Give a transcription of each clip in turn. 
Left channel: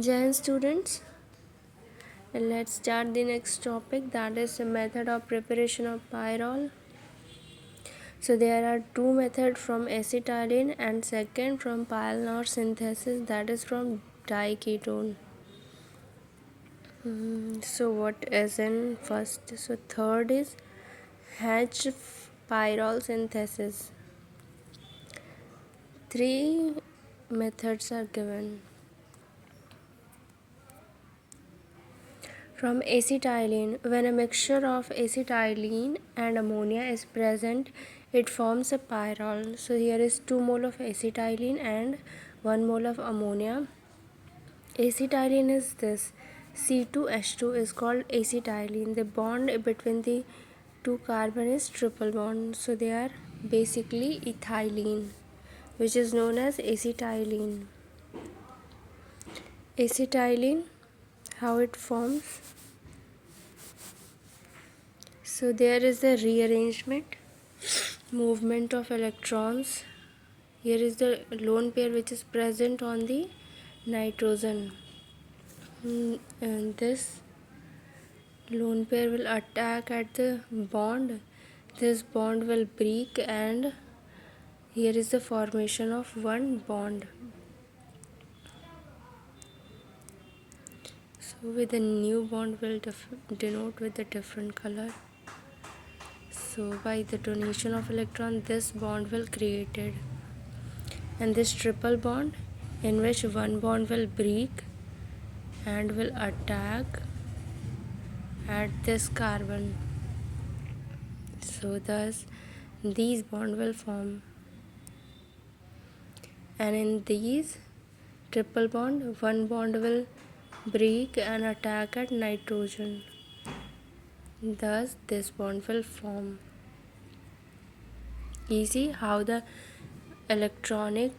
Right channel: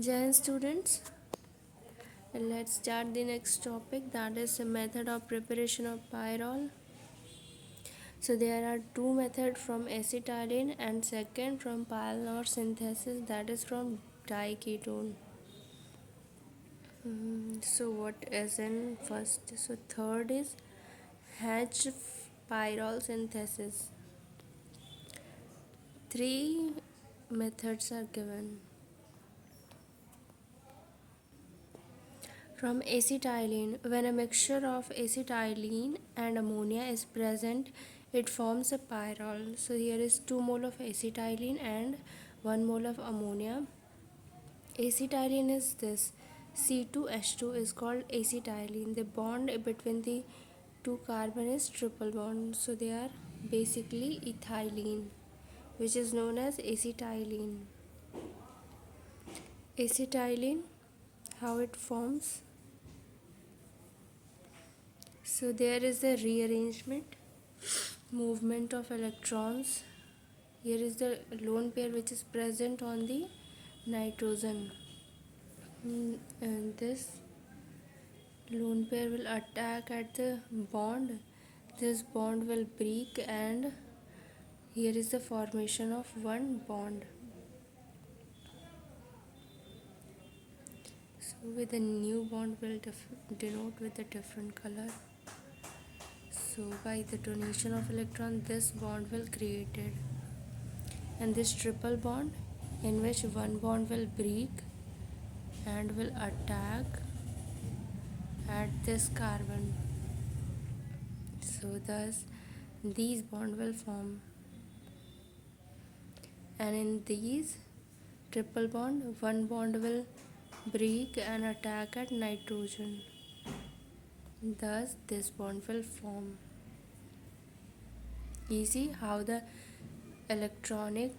Jain students, let's start the next topic, that is the method of preparation of pyrrole. So there are two methods, from acetylene and second from pyrrole synthesis, that is from diketone. So what is in first? So third is H pyrrole synthesis. Three methods are given. From acetylene, when a mixture of acetylene and ammonia is present, it forms a pyrrole. So here is 2 mole of acetylene and 1 mole of ammonia. Acetylene is this. C2H2 is called acetylene. The bond between the two carbon is triple bond. So they are basically ethylene, which is known as acetylene. Acetylene, how it forms? So there is the rearrangement, movement of electrons. Here is the lone pair which is present on the nitrogen. And this lone pair will attack at the bond. This bond will break and here is the formation of one bond. So with a new bond will denote with a different color. So by the donation of electron, this bond will created, and this triple bond in which one bond will break and will attack at this carbon. So thus these bond will form, and in these triple bond, one bond will break and attack at nitrogen. Thus this bond will form. Easy how the electronic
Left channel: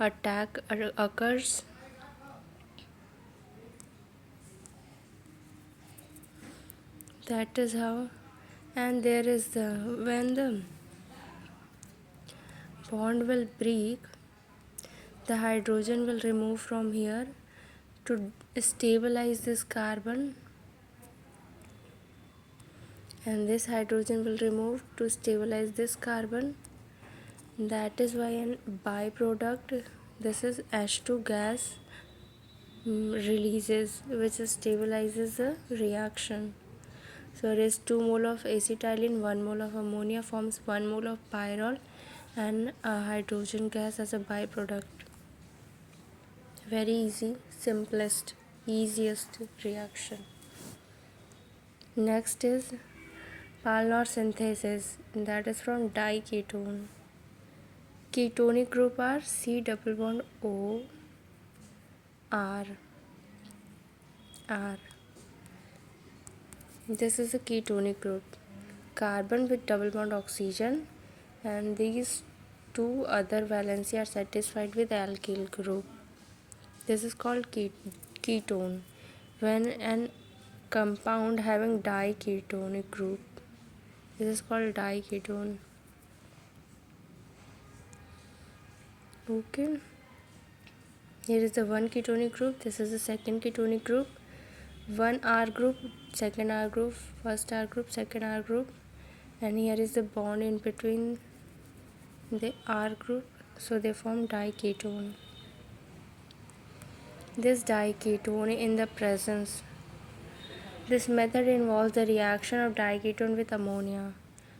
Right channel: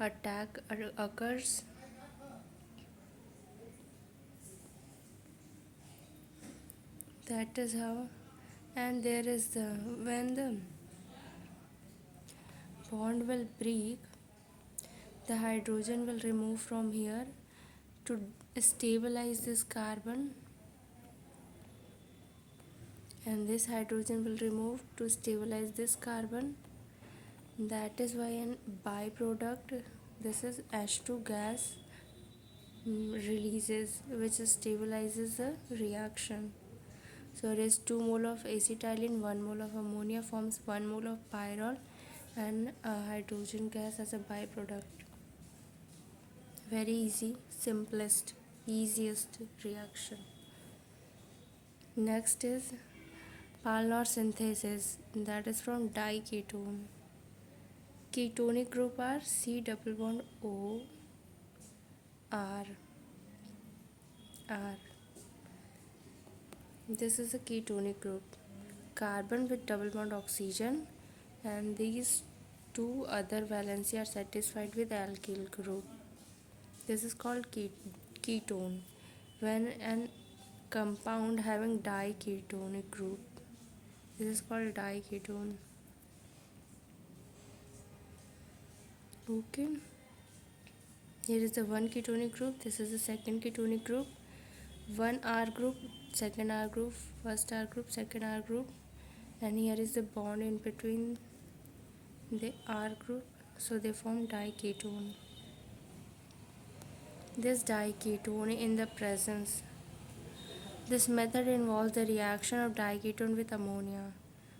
attack occurs. That is how. And there is the, when the bond will break, the hydrogen will remove from here to stabilize this carbon, and this hydrogen will remove to stabilize this carbon. That is why an byproduct, this is H2 gas, releases, which stabilizes the reaction. So there is 2 mole of acetylene, 1 mole of ammonia forms 1 mole of pyrrole and a hydrogen gas as a byproduct. Very easy, simplest, easiest reaction. Next is pyrrole synthesis, that is from diketone. Ketonic group are C double bond O R. This is a ketonic group, carbon with double bond oxygen, and these two other valency are satisfied with alkyl group. This is called ketone. When an compound having diketonic group, this is called diketone. Okay, here is the one ketonic group, this is the second ketonic group, one R group, second R group, first R group, second R group, and here is the bond in between the R group, so they form diketone. This diketone in the presence, this method involves the reaction of diketone with ammonia.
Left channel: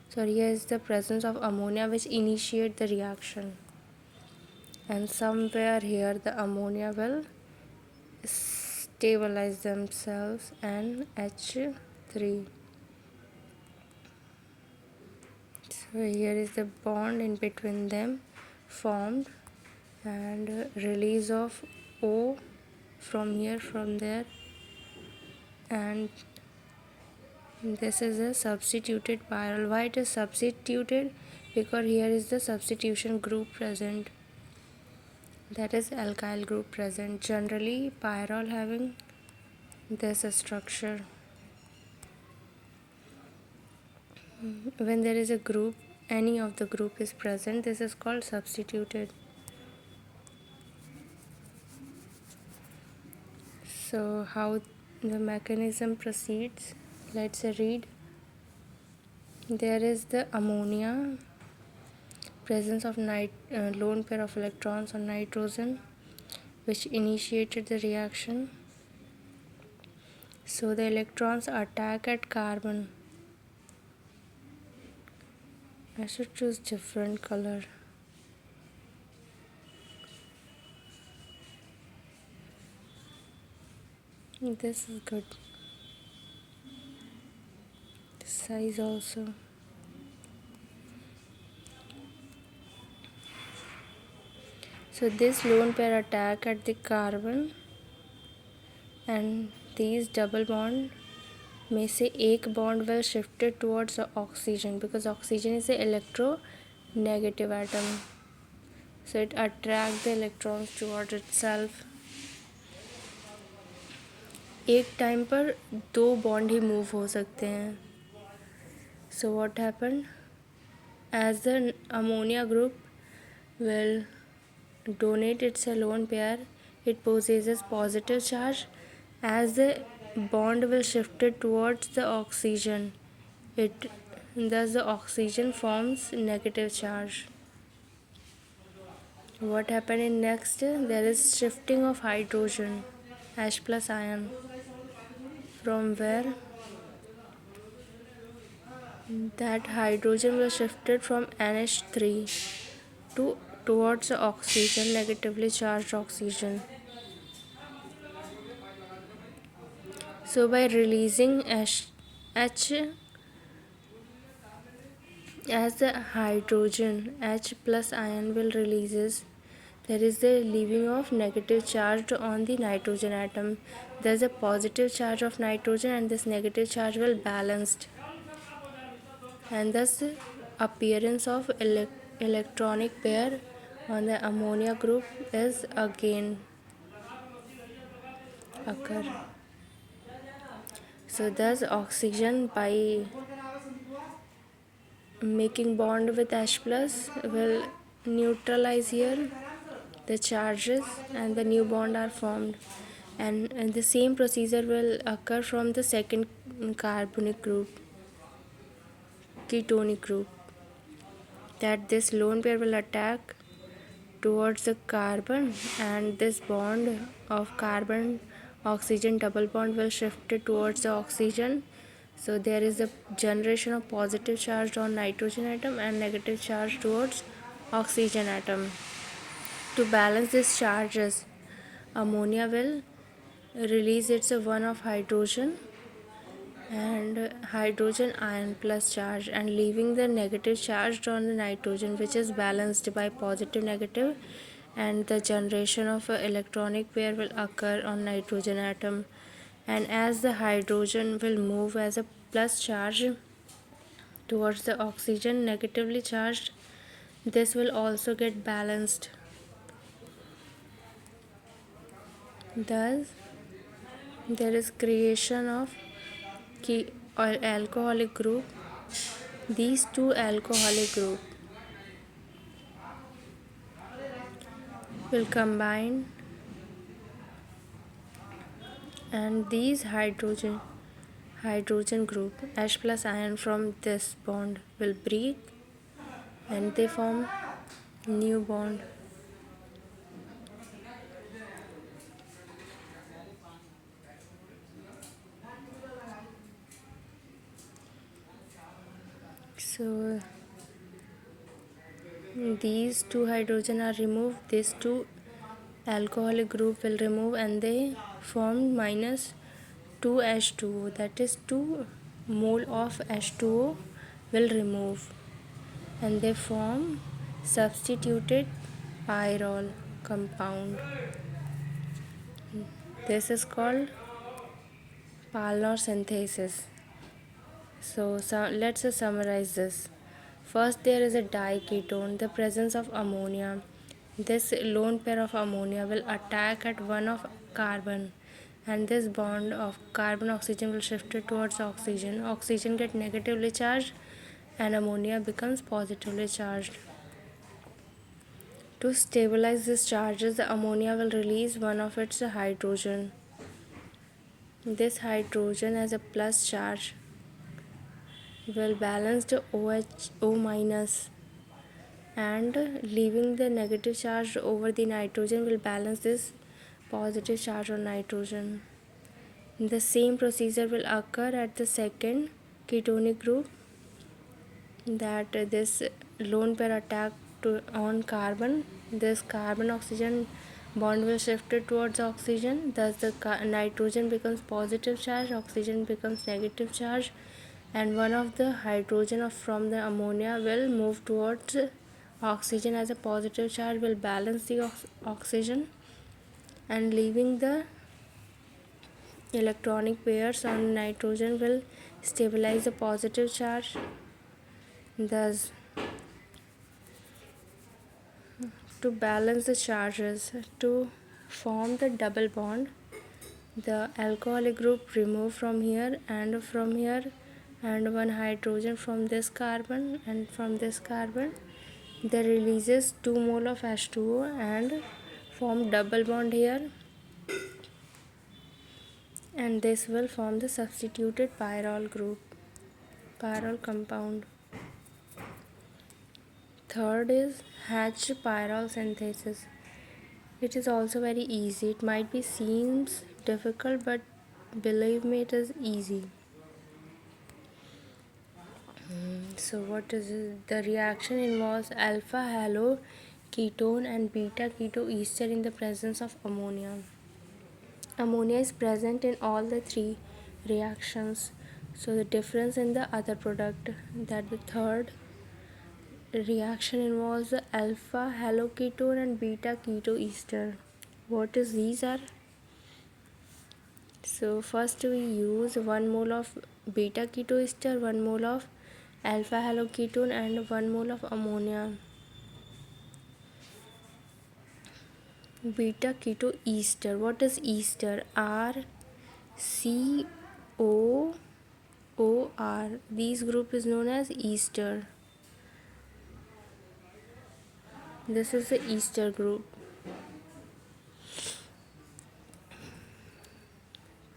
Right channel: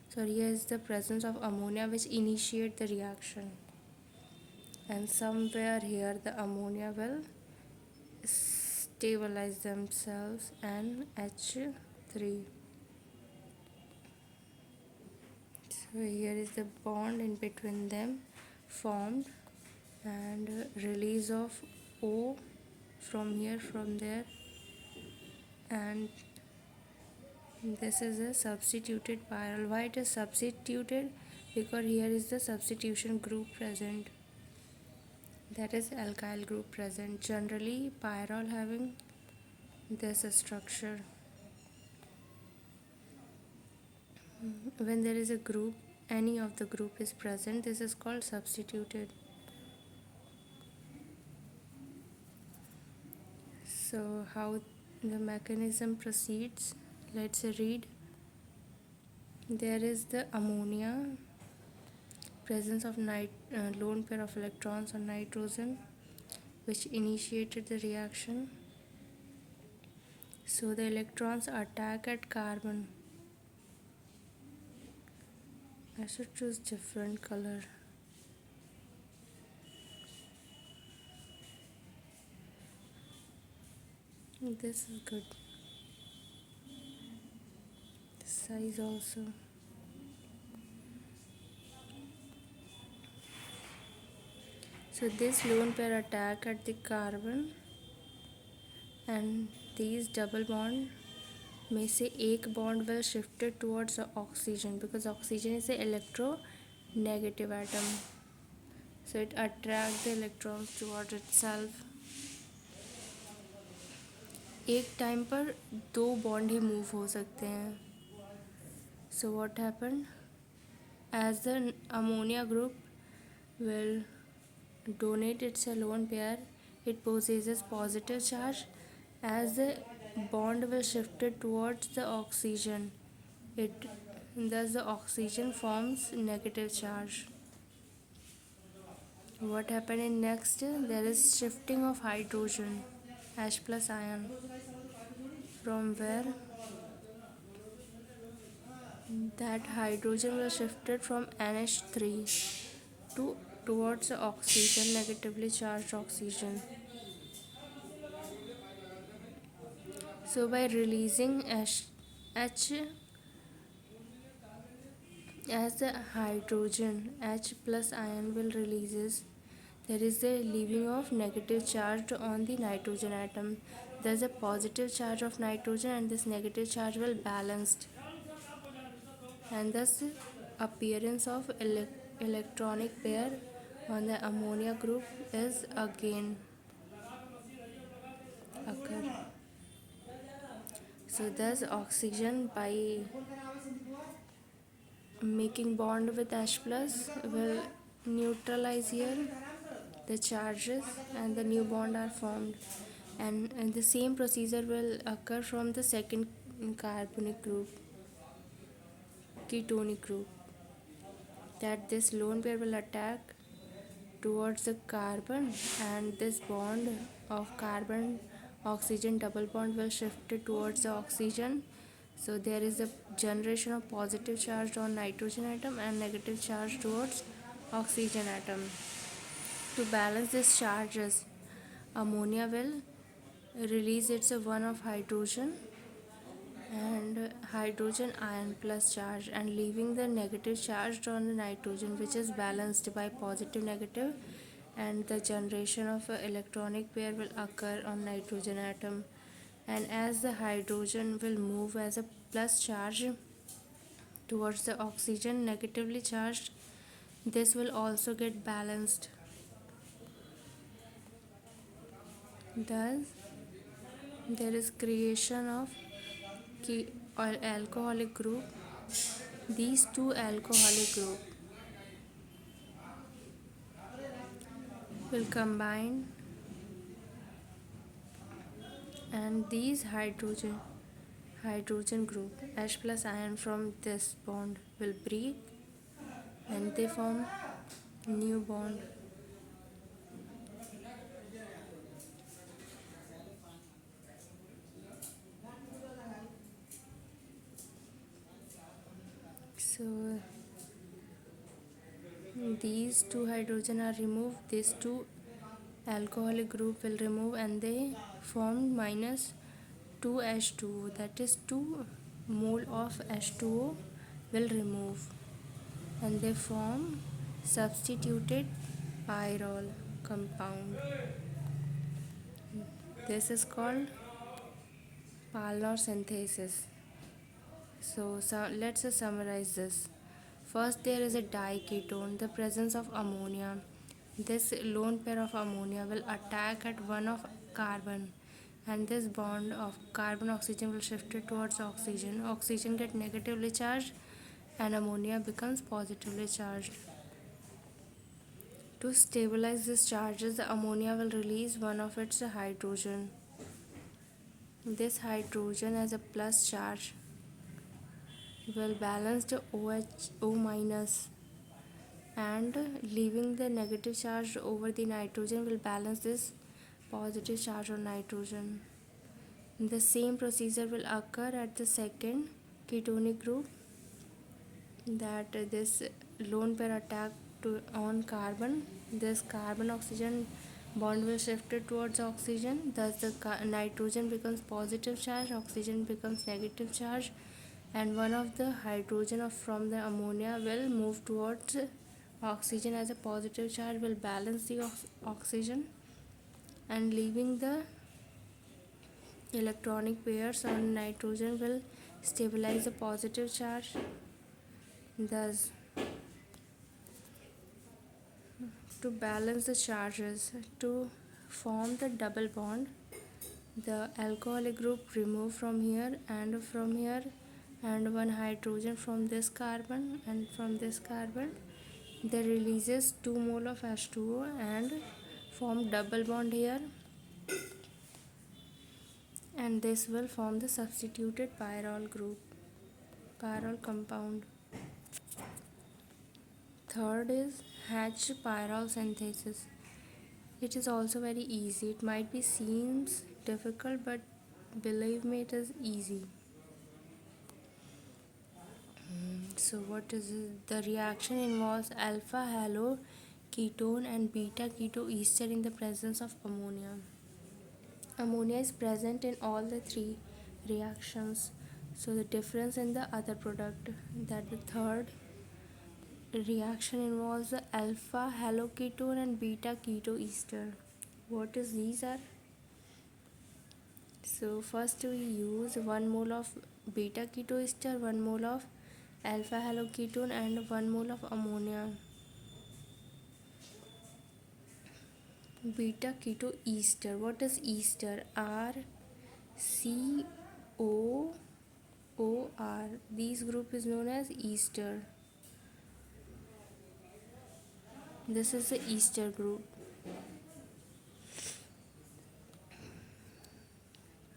So here is the presence of ammonia which initiate the reaction, and somewhere here the ammonia will stabilize themselves and H3. So here is the bond in between them formed, and release of O from here, from there, and this is a substituted pyrrole. Why it is substituted? Because here is the substitution group present, that is alkyl group present. Generally pyrrole having this structure. When there is a group, any of the group is present, this is called substituted. So how the mechanism proceeds, let's read. There is the ammonia, presence of lone pair of electrons on nitrogen, which initiated the reaction. So the electrons attack at carbon. I should choose different color. This is good. Size also. So this lone pair attack at the carbon, and these double bond में से एक bond will shifted towards the oxygen, because oxygen is the electronegative atom. So it attracts the electrons towards itself. एक time पर दो bond ही move हो सकते हैं. So what happened? As the ammonia group will donate its lone pair, it possesses positive charge. As the bond will shifted towards the oxygen, thus the oxygen forms negative charge. What happened in next? There is shifting of hydrogen, H plus ion, from where that hydrogen was shifted from NH3 towards the oxygen, negatively charged oxygen. So by releasing H as the hydrogen, H plus ion will releases, there is the leaving of negative charge on the nitrogen atom. There is a positive charge of nitrogen, and this negative charge will balanced, and thus appearance of electronic pair on the ammonia group is again occur. So thus oxygen, by making bond with H plus, will neutralize here the charges, and the new bond are formed. And the same procedure will occur from the second carbonic group, ketonic group, that this lone pair will attack towards the carbon, and this bond of carbon oxygen double bond will shift it towards the oxygen. So there is a generation of positive charge on nitrogen atom and negative charge towards oxygen atom. To balance these charges, ammonia will release its one of hydrogen and hydrogen ion plus charge, and leaving the negative charge on the nitrogen, which is balanced by positive negative, and the generation of an electronic pair will occur on nitrogen atom. And as the hydrogen will move as a plus charge towards the oxygen negatively charged, this will also get balanced. Thus there is creation of or alcoholic group. These two alcoholic group will combine, and these hydrogen group H plus ion from this bond will break, and they form new bond. So these two hydrogen are removed, these two alcoholic group will remove, and they form minus 2H2O, that is 2 mole of H2O will remove, and they form substituted pyrrole compound. This is called Palmer synthesis. So let's summarize this. First, there is a diketone, the presence of ammonia. This lone pair of ammonia will attack at one of carbon, and this bond of carbon oxygen will shift it towards oxygen. Oxygen get negatively charged, and ammonia becomes positively charged. To stabilize these charges, the ammonia will release one of its hydrogen. This hydrogen has a plus charge will balance the O minus, and leaving the negative charge over the nitrogen will balance this positive charge on nitrogen. The same procedure will occur at the second ketonic group, that this lone pair attack on carbon, this carbon oxygen bond will shift towards oxygen, thus the nitrogen becomes positive charge, oxygen becomes negative charge, and one of the hydrogen from the ammonia will move towards oxygen as a positive charge, will balance the oxygen, and leaving the electronic pairs on nitrogen will stabilize the positive charge. Thus, to balance the charges, to form the double bond, the alcoholic group remove from here, and one hydrogen from this carbon and from this carbon, they releases 2 mole of H2O and form double bond here, and this will form the substituted pyrrole group, pyrrole compound. Third is H pyrrole synthesis. It is also very easy. It might be seems difficult, but believe me, it is easy. So what is it? The reaction involves alpha halo ketone and beta ketoester in the presence of ammonia. Ammonia is present in all the three reactions. So the difference in the other product, that the third reaction involves the alpha haloketone and beta ketoester. What is these are? So first we use 1 mole of beta ketoester, 1 mole of alpha haloketone, and 1 mole of ammonia. Beta ketoester. What is ester? RCOOR. This group is known as ester. This is the ester group.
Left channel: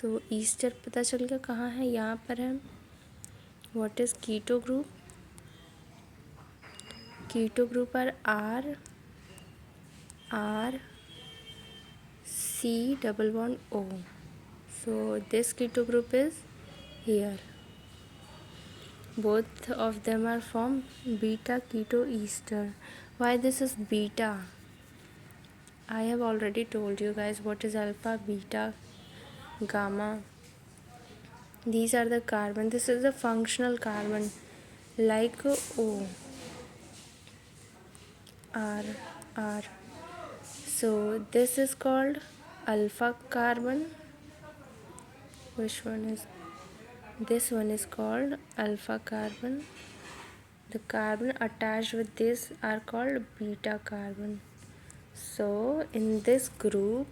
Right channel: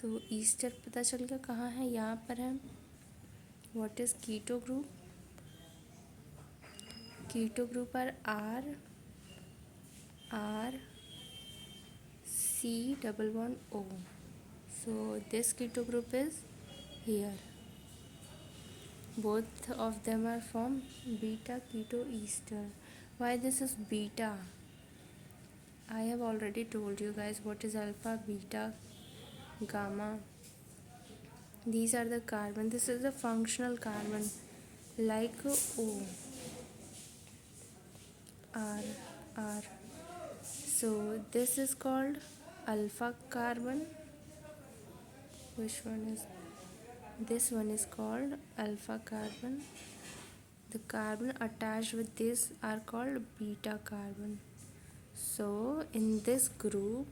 तो ester पता चल गया कहाँ है, यहाँ पर है. What is keto group? Keto group R C double bond O. So this keto group is here. Both of them are from beta ketoester. Why this is beta? I have already told you guys what is alpha, beta, gamma. These are the carbon. This is the functional carbon, like O, R. So this is called alpha carbon. Which one is? This one is called alpha carbon. The carbon attached with this are called beta carbon. So in this group